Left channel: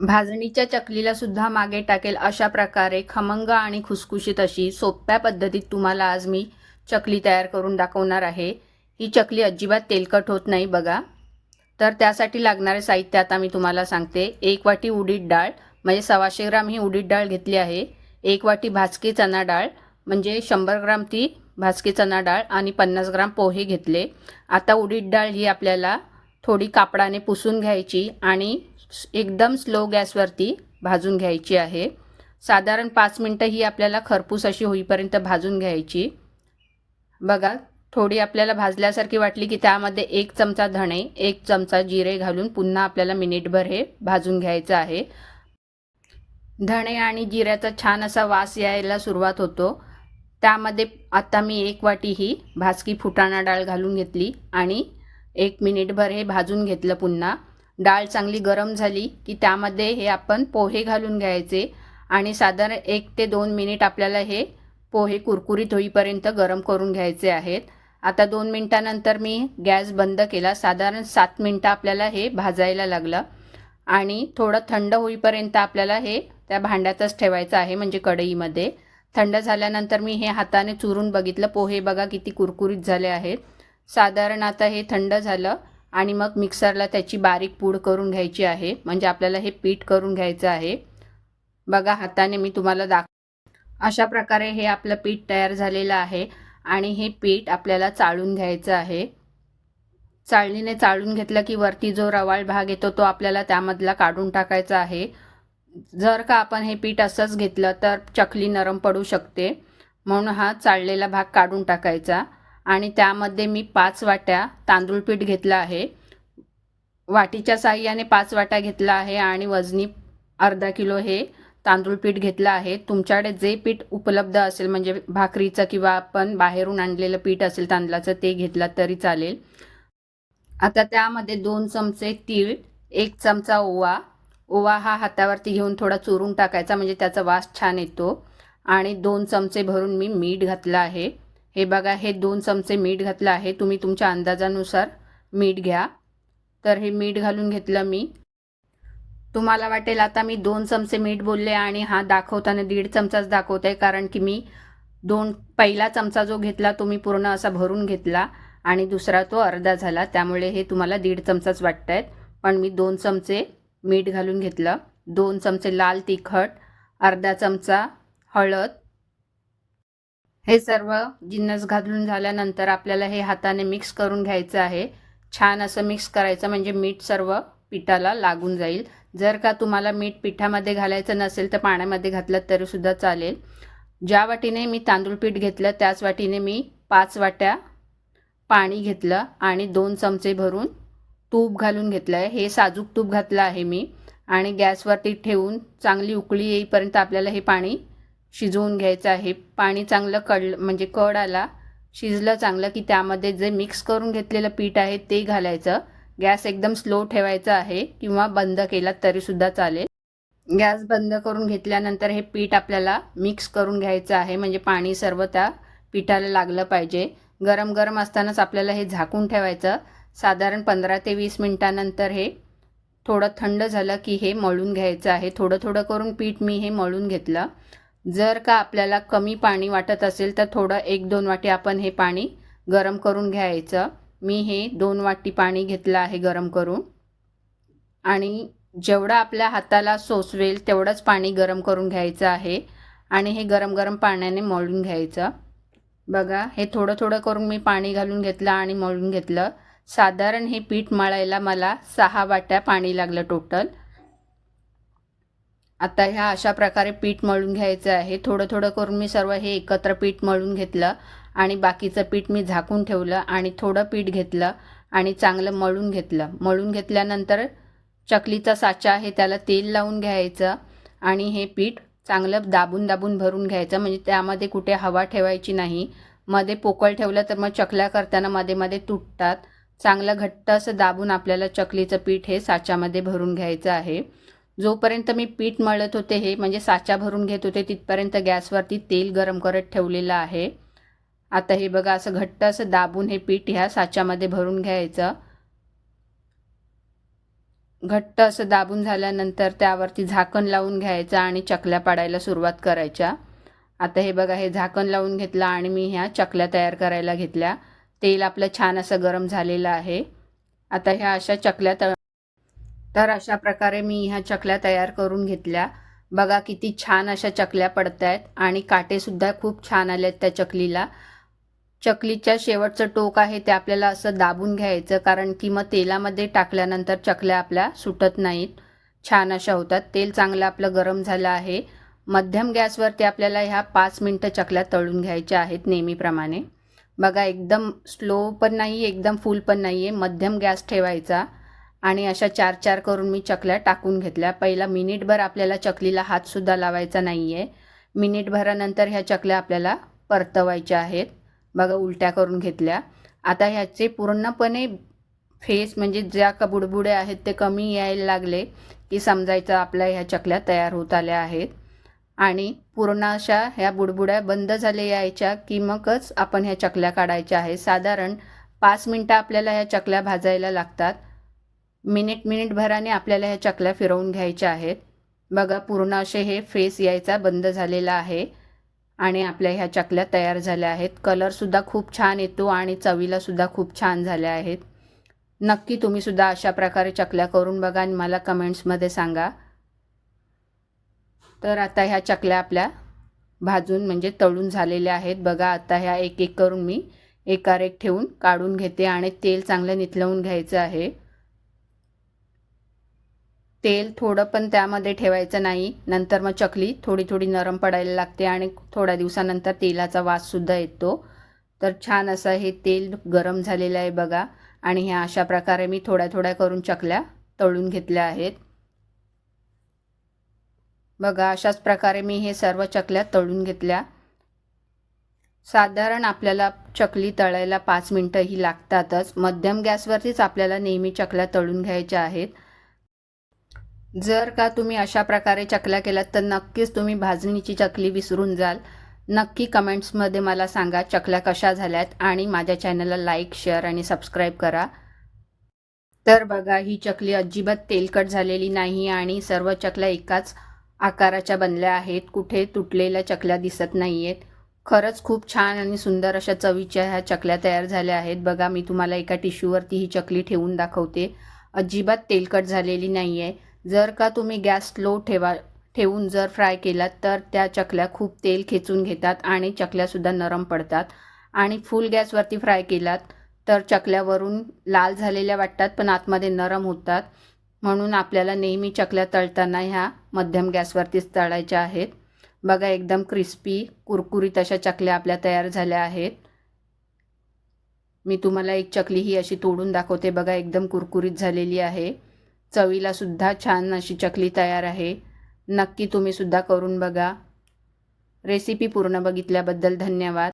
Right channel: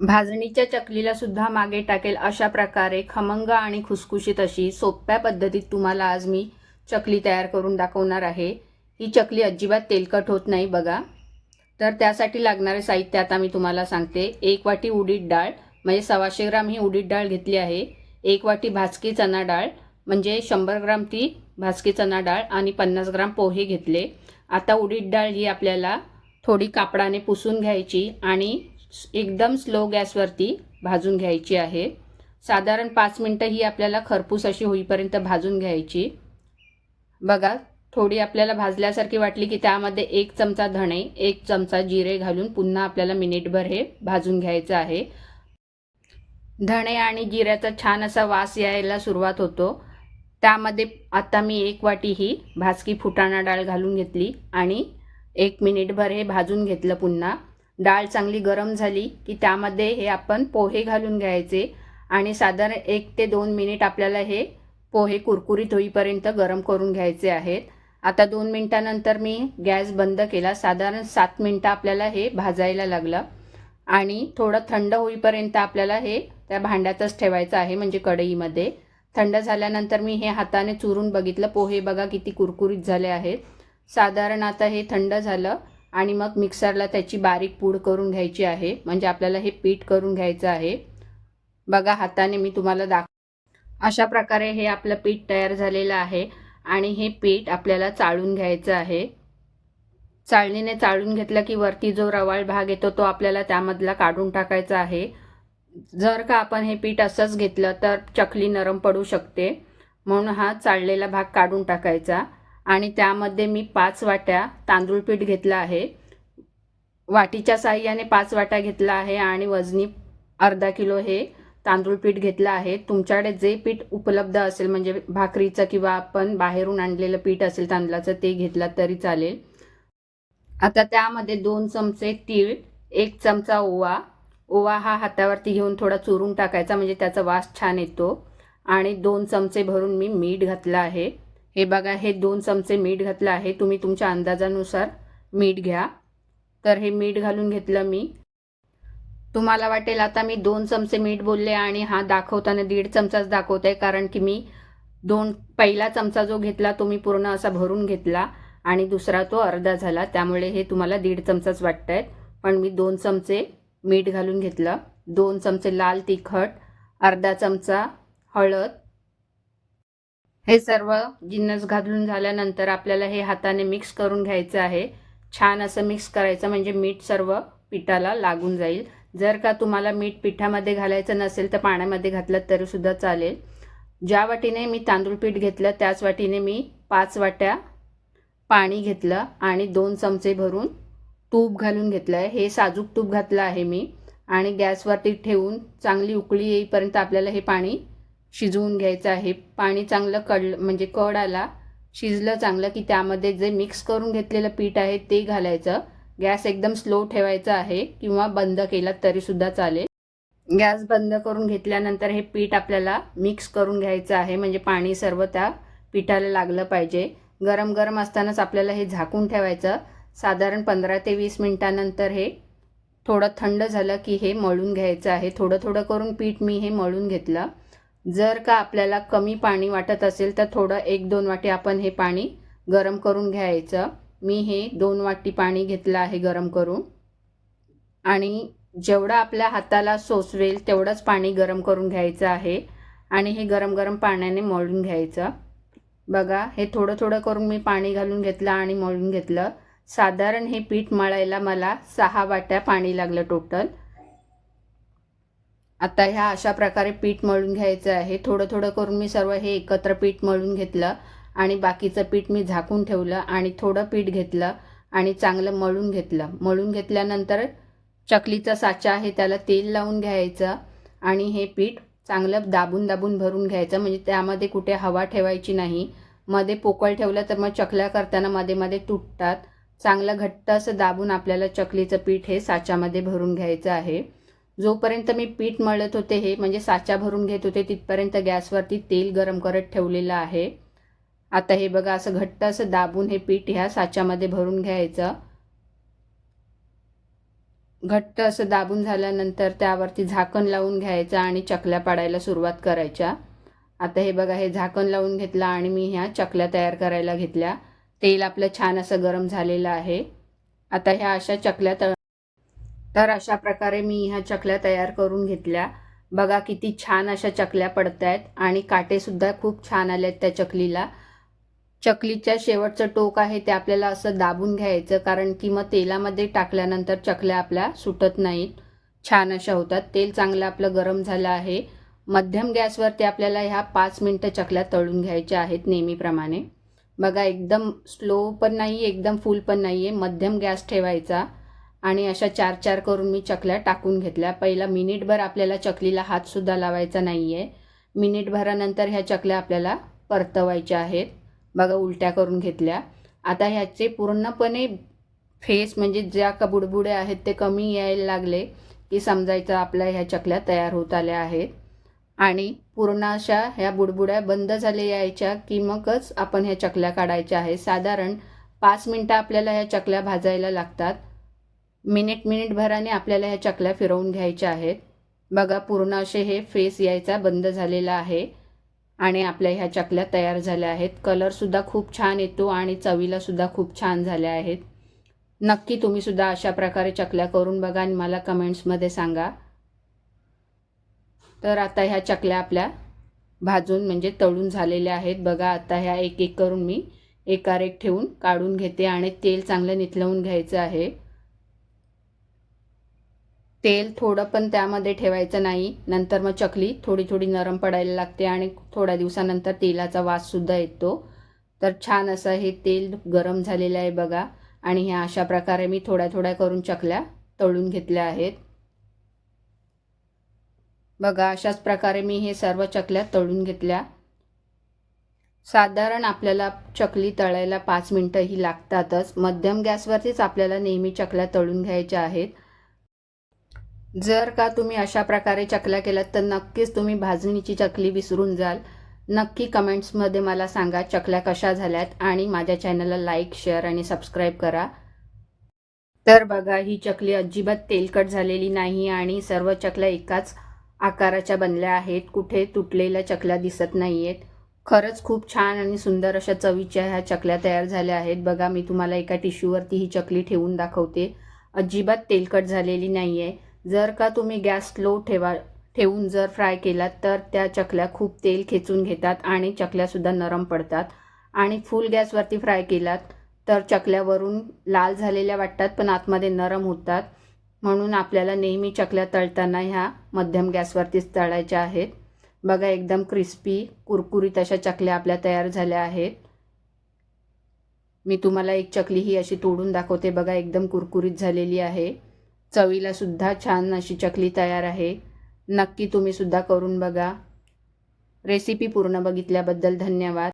भाजणीच्या चकलीला सुद्धा मागे टाकेल अशा प्रकारे खमंग आणि खुसखुशीत अशी सोप्या पद्धतीत तुम्हाला आज मी चकली तयार करून दाखवणार आहे। ही चकली अजिबात तेलकट होत नाही बघा। तर त्यासाठी लागणारे साहित्य आता मी तुम्हाला सांगते। 1 वाटी उडीद डाळ म्हणजे 125 ग्राम ही उडीद डाळ घेतली आहे। 1 वाटी भाजकी चणा डाळ म्हणजे 100 ग्राम ती भाजकी चणा डाळ आणि 50 ग्राम पोहे घेतले। आता उडीद डाळ ही आपल्याला थोडी कापडाने पुसून घ्यायची आणि एकदम स्लो गॅसवरती भाजून घ्यायची आहे। साधारण 5 मिनिटं ही आपल्याला खरपूस अशी होईपर्यंत भाजून घ्यायची। बघा थोडी आपल्याला भाजल्यासारखी वाटली की त्यामध्ये 1 चमचा धणे 1 चमचा जिरे घालून पुन्हा आपल्याला मिनिटभर हे भाजून घ्यायचं आहे। धणे आणि जिऱ्याचा छान असा वास यायला सुरुवात होतो। त्यामध्ये आता मी 1 वाटी ही भाजकी फुटाणा डाळ घालून घेतली आणि 1 मिनिटभर हे भाजून घेतलं। पुन्हा डाळ चांगली गरम झाली की त्यामध्ये हे आपण पोहे घालून घ्यायचे आणि साधारण 1 ते 2 मिनिट आपल्याला हे पोहे कुरकुरीत होईपर्यंत गरम करून घ्यायचे आहेत। आता 2 मिनिटांनंतर मी गॅस बंद केला। साधारण 7 मिनिटं आपल्याला हे भाजायला लागलं आणि थोडं थंड होईपर्यंत आपल्याला हे त्या भांड्यातच ठेवायचं आहे म्हणजे कढईमध्ये। थंड झाल्यानंतर मी हे हाताने चुरून बघितलं। पोहे बघा किती कुरकुरीत झाले आहेत। साधारण आता हे थंड झालं आणि मग मिक्सरला त्याची बारीक पूड करून घ्यायची आहे म्हणजे आपल्याला हे पीठ करून घ्यायचं आहे। बघा हाताने मी तुम्हाला अशा प्रकारे हे आपलं पीठ तयार झालेलं आहे आणि हे पीठ आपल्याला चाळून घ्यायचं आहे। चाळणीने चाळून घेतलं की वरती जो रवाळ भाग येतो तो आपल्याला त्यामधला काढून टाकायचा आहे। जर का आपण हे पीठ असंच घेतलं तर चकली नरम पडू शकते, म्हणून हा चाळलेला भाग काढून टाकायचा आणि त्यामध्ये मी 5 वाट्या तांदूळ पीठ घेतलं आहे। वाटीच्या साहाय्याने 5 वाट्या घेतला आहे आणि वजनी अर्धा किलो हे तांदूळ पीठ घेतलं आहे। तुमच्याकडे जे पीठ उपलब्ध असेल म्हणजे भाकरीचं किंवा आपण बाहेरून आणलेलं पीठ असेल तांदळाचं ते घेतलं तरी चालेल। आता त्यामध्ये 2 चमचे तीळ 1 चमचा ओवा ओवा हा हातावरती घेऊन थोडा चुरून टाकायचा म्हणजे त्याचा वास छान येतो आणि 2 चमचे भरून मी मीठ घातलं आहे। हे बघा हे 2 चमचे मीठ घातलं आहे। तुम्ही तुमच्या अंदाजानुसार मीठ घ्या। तर हे मीठ घालून घेतलं मी। तुम्हाला वाटेल आता मी 2 चमचे मीठ बोलले आणि हा दाखवताना 1.5 चमचाच दाखवते कारण की मी पहिला चमचा जो घेतला तो मी पूर्ण असा भरून घेतला आणि दुसरा तो अर्धा झाला, त्यामुळे हे तुम्हाला 1.5 चमचाच वाटतंय। पण मी 2 चमचे मीठ घालून घेतलं, 2 चमचे लाल तिखट, अर्धा चमचा हळद। हे सर्व जिन्नस घालून झाल्यानंतर आपल्याला हे हाताने मिक्स करून घ्यायचं आहे। छान असं मिक्स करायचं म्हणजे मीठ सर्व पिठाला लागून जाईल। जर का तुम्हाला मीठ पिठामध्ये घालायचं नसेल तर पाण्यामध्ये घातलं तरी सुद्धा चालेल। ज्या वाटीने मी तांदूळ पीठ घेतलं त्याच वाटीने मी 5 वाट्या पाणी घेतलं आणि 2 चमचे भरून तूप घालून घेतलं आहे। हे साजूक तूप घातलं आहे मी आणि गॅसवरती ठेवून चांगली उकळी येईपर्यंत आपल्याला हे पाणी शिजवून घ्यायचं आहे। पाणी चांगलं म्हणजे कड आला शिजलं चांगलं की त्यामध्ये जे मिक्स करून घेतलेलं पीठ आहे ते घालायचं। गॅस एकदम स्लो ठेवायचा आहे किंवा बंद केला तरी सुद्धा चालेल। गॅस बंद करून घेतल्यानंतर हे पीठ आपल्याला मिक्स करून घ्यायचं आहे म्हणजे पाणी सर्व त्या पिठाला लागलं पाहिजे। गरम गरम असतानाच आपल्याला हे झाकून ठेवायचं। साधारण 15 ते 20 मिनिटांनंतर हे थोडं थंड झालं की हे मळून घ्यायचं आहे। थोडं थोडं करून पीठ मी हे मळून घेतलं। जर का आपल्याला कमी पाणी वाटत असेल तर थोडं 1-2 वाटी आपण हे पाणी गरम करून घ्यायचं। मी हे 2 वाटी पाणी घेतलं आहे गरम करून आणि जेवढं आपल्या हाताला सोसवेल तेवढंच पाणी गरम करून घ्यायचं आहे आणि हे गरम गरम पाण्याने मळून घ्यायचं। बघा हे थोडं थोडं करून मी पाणी घालून घेतलं आणि मळून घेतलं। साधारण हे पीठ मळायला मला 6 वाट्या पाणी लागलं टोटल। आता ह्या अशा प्रकारे पीठ मळून घ्यायचं आहे। थोडं थोडं करून मी सर्व हे एकत्र पीठ मळून घेतलं आणि बाकीचं पीठ मी झाकून ठेवलं आणि थोडं पीठ घेतलं आणि चांगलं मळून घेतलं। मळून घेतल्यानंतर चकलीचा साचा आहे त्याला तेल लावून घ्यायचं आणि हे पीठ चांगलं दाबून दाबून भरून घ्यायचं म्हणजे त्यामध्ये कुठे हवा ठेवायची नाही। मध्ये पोकळ ठेवलं तर मग चकल्या करताना मध्ये मध्ये तुटतात। चांगलं घट्ट असं दाबून आपल्याला चकलीचं पीठ हे साच्यामध्ये भरून घ्यायचं आहे। जोपर्यंत मी पीठ मळत होते हे म्हणजे साचा भरून घेत होते तिथपर्यंत गॅसवरती तेल गरम करत ठेवलेलं आहे। आता हे बघा असं घट्ट असं दाबून हे पीठ ह्या साच्यामध्ये भरून घ्यायचं। घट्ट असं दाबून झाल्यानंतर त्यावरती झाकण लावून घ्यायचं आणि चकल्या पाडायला सुरुवात करायच्या. आता हे बघा, हे झाकण लावून घेतलं आणि मी ह्या चकल्या तयार करायला घेतल्या. तेल आपलं छान असं गरम झालेलं आहे. आता ह्या अशा चकल्या तर अशा प्रकारे मी ह्या चकल्या तयार करून घेतल्या. बघा किती छान अशा चकल्या पडतायत आणि काटेसुद्धा खूप छान आलेत त्या चकलीला. चकलीच्या शेवटचं टोक आहे ते आपल्याला असं दाबून घ्यायचं, कारण की मग तेलामध्ये टाकल्यानंतर चकल्या आपल्या सुटत नाहीत, छान अशा होतात. तेल चांगलं आपलं गरम झालं आहे. मध्यम गॅसवरती आपल्याला ह्या 5 मिनटं चकल्या तळून घ्यायच्या आहेत नेहमीप्रमाणे. बघा, एकदम स्लो पण नाही, एकदम फुल पण नाही आहे, मध्यम गॅस ठेवायचा. आणि अशा 4-4 करून मी चकल्या टाकून घेतल्या. पहिला मिनिटभर आपल्याला चकलीला हातसुद्धा लावायचा नाही आहे. मिनिटभरानंतर ह्या चकल्या आपल्याला परतवायच्या आहेत. बघा, उलट्या करून घेतल्या. आता ह्याचे पूर्णपणे फेस म्हणजे ज्या बुडबुडे आहेत ते कमी यायला लागले की समजायचं आपल्या ह्या चकल्या तयार होत आल्या आहेत. आणि पूर्ण अशा ह्या बुडबुड्या बंद झाल्या यायच्या की मगच आपण ह्या चकल्या काढायच्या आहेत. साधारण 5 मिनटं आपल्याला ह्या चकल्या भाजायला लागतात. मिनिटभराने आपल्याला ह्या चकल्या फिरवून घ्यायच्या आहेत. बघा, पूर्ण असे हे फेस यायचा बंद झालेला आहे आणि आपल्या ह्या चकल्या तयार झाल्या आहेत. कलरसुद्धा खूप छान येतो आणि चवीलासुद्धा खूप छान झाल्या आहेत. नक्की तुम्ही सुद्धा अशा प्रकारे चकल्या करून बघा आणि मला कमेंट्समध्ये सांगा. तर आता ह्या चकल्या आपल्या भाजून म्हणजे तळून झालेल्या आहेत. बघा, आता ह्या एक एक करून मी एकावर एक ठेवून काढून घेते आणि तेल चांगलं निथळवून घ्यायचं आहे. तेल थोडं पण त्यामध्ये ठेवायचं नाही, नंतर मग चकली थोडी थोडी नरम पडायला लागते आणि थोड्या दिवसानंतर तेलाचा वाससुद्धा येतो. तर छान असं हे तेल गरम झालेलं आहे बघा. आणि ह्या अशा प्रकारे मी थोड्या थोड्या करून चकल्या तळून घेतल्या आहेत. बघा, अशाच प्रकारे मी हे सर्व चकल्या तळून घेतल्या. साधारण आपल्याला चकली तळायला 5 मिनटं ही लागतातच. मध्यम गॅसवरतीच आपल्याला नेहमी चकल्या तळून घ्यायच्या आहेत. जर का तुम्ही अशा प्रकारे चकल्या केल्यात तर नक्कीच तुम्ही भाजणीची चकली विसरून जाल. नक्की कमेंट्समध्ये मला सांगा चकल्या कशा झाल्यात आणि माझ्या चॅनलला लाईक, शेअर आणि सबस्क्राईब करा. तर बघा, ही चकली अजिबात तेलकट झालेली नाही आणि सर्व चकल्या एकाच आकाराच्या बनल्या आहेत. कुठे तुटलेल्या चकल्या दिसत नाही आहेत. खरंच खूप छान आणि सुंदर अशा चवीच्या ह्या चकल्या तयार झाल्या आहेत. बघा, मी तुम्हाला एका टिश्यूवरती ही चकली ठेवून दाखवते. अजिबात तेलकट झालेली नाही आहे. जर का तुम्ही गॅस स्लो ठेवून जर फ्राय केलात तर त्या चकल्या खूप तेल खेचून घेतात आणि चकल्यासुद्धा नरम पडतात. आणि फुल गॅसवरती फ्राय केलात तर चकल्यावरून लाल झालेल्या वाटतात पण आतमध्ये नरम होतात. म्हणून आपल्याला नेहमी चकल्या तळताना ह्या मध्यम गॅसवरतीच तळायच्या आहेत. बघा, एकदम क्रिस्पी कुरकुरीत अशा चकल्या आपल्या तयार झाल्या आहेत. मी तुम्हाला एक चकली ही अशी तोडून दाखवते. बघा, एकदम कुरकुरीत झालेली आहे. चवीला सुद्धा छान अशी चकली तयार आहे. नक्की तुम्ही सुद्धा करून बघा. रेसिपी पूर्ण बघितल्याबद्दल धन्यवाद.